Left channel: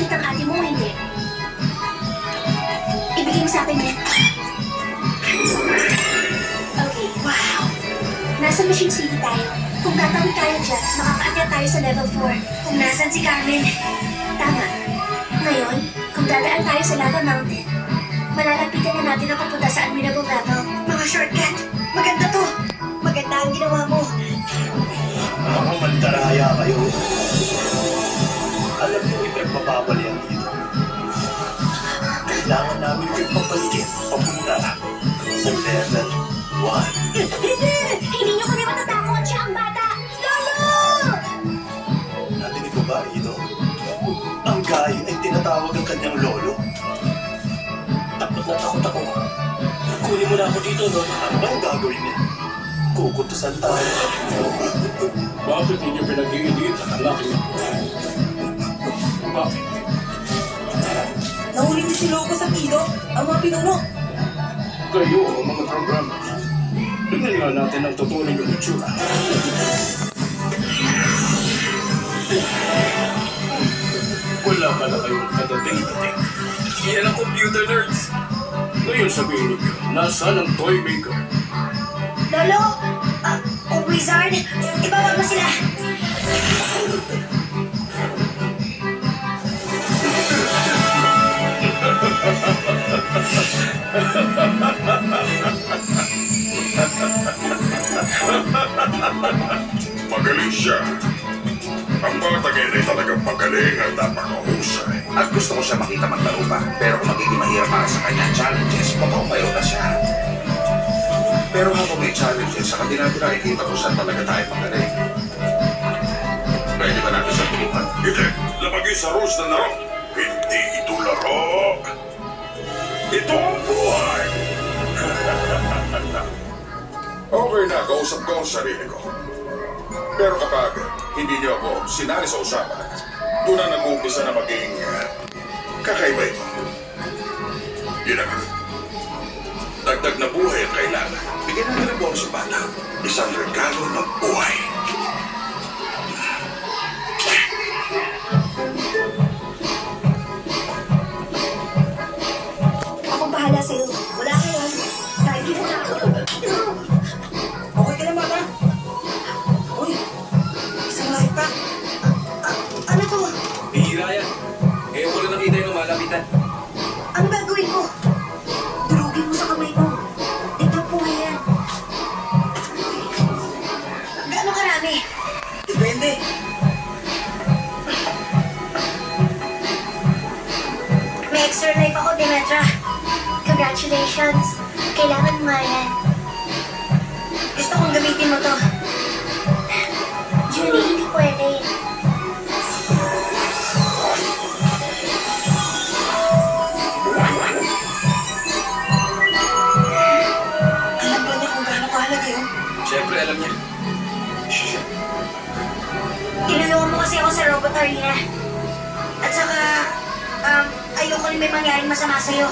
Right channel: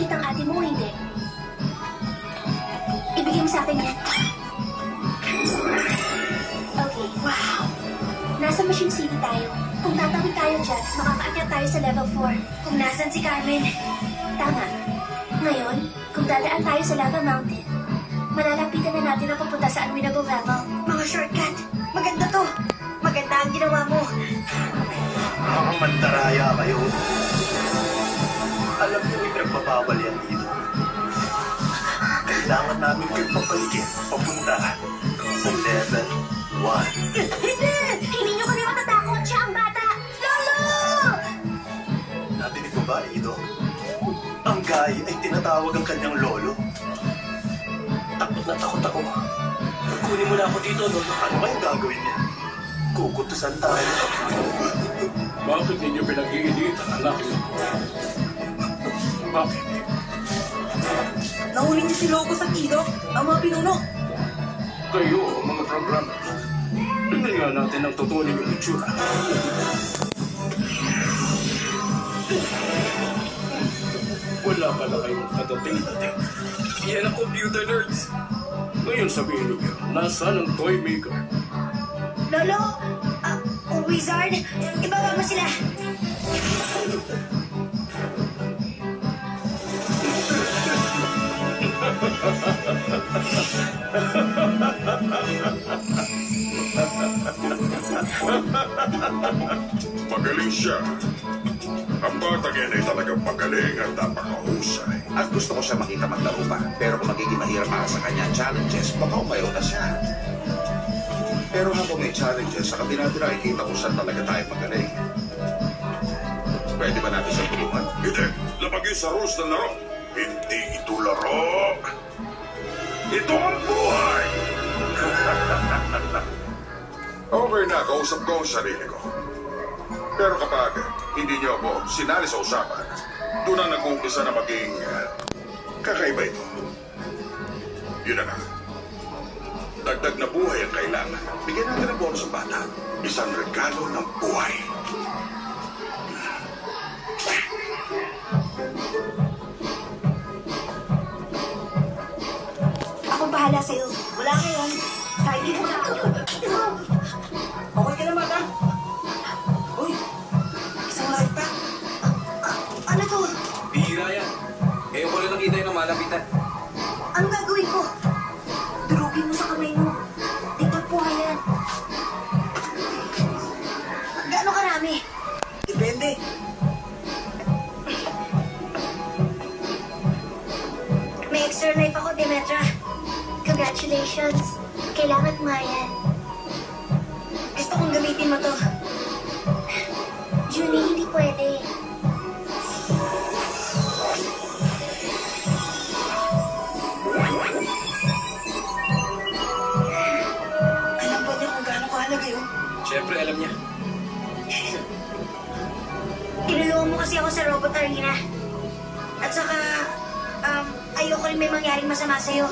nakita ang ate mo, hindi. Ibigay mo sa akin yun. Okay, wow. Nasa Mission City tayo. Kung tatawid tayo dyan, makakaakyat tayo sa level 4. Kung nasan si Carmen. Tama. Ngayon, kung dadaan tayo sa Lava Mountain, malalapitan na natin ang papunta sa unwinnable level. Mga shortcut. Maganda to. Maganda ang ginawa mo. Mga mandaraya kayo. Alam niyo, ipagpapawal yan dito. Kailangan namin kayo papaligid papunta sa level 1. Hindi niyo kami matatakot. Siya ang bata. Lolo! Narinig ko ba dito? Ang guy ay tinatawag ang kanyang lolo. Takot na takot ako. Kunin mo na ako dito, lolo. Ano ba ang gagawin niya? Kukutusan tayo. Bakit ninyo pinag-iinitan ang aking? Bakit? Nahuli niyo si Loco sa Kido, ang mga pinuno. Kayo, mga programmers. Tingnan nga natin ang totoo ninyong itsura. Wala ka na kayong kadating-dating. Yan ang computer nerds. Ngayon sabihin niyo, nasaan ang toy maker? Lolo! Wizard! Ibaba mo sila! Magaling siya. Ang batang yan ay talagang magaling at napakahusay. At gusto ko siya makita maglaro pa. Pero kung magiging mahirap para sa kanya ang challenges, mukhang mayroon na siya. Pero habang may challenges, sa kabila nakikita ko saan talaga tayo magaling. Pwede ba natin siya tulungan? Hindi. Lapagay sa rules na laro. Hindi ito laro. Ito ang buhay. Okay na, kausap ko ang sarili ko. Pero kapag hindi niyo ako sinali sa usapan, doon na nag-uumpisa na maging kakaiba ito. Yun na nga. Dagdag na buhay ang kailangan. Bigyan na nila buwan sa bata. Isang regalo ng buhay. Akong bahala sa'yo. Wala kayo. Sige mo na ako. Okay ka na, bata? Uy, isang life pa. Anak ko, Bihira yan. Ngayon ko na nakita yung malapitan. ano gagawin ko? Durugin mo sa kamay mo. Tignan po yan. Gaano karami? Depende. May extra life ako, Demetra. Congratulations. Kailangan mo yan. Gusto kong gamitin mo to. Julie, hindi pwede. Alam ba niya kung gaano kahalaga yun? Siyempre, alam niya. Tinulungan mo kasi ako sa robot arena. At saka, ayoko rin may mangyaring masama sa'yo.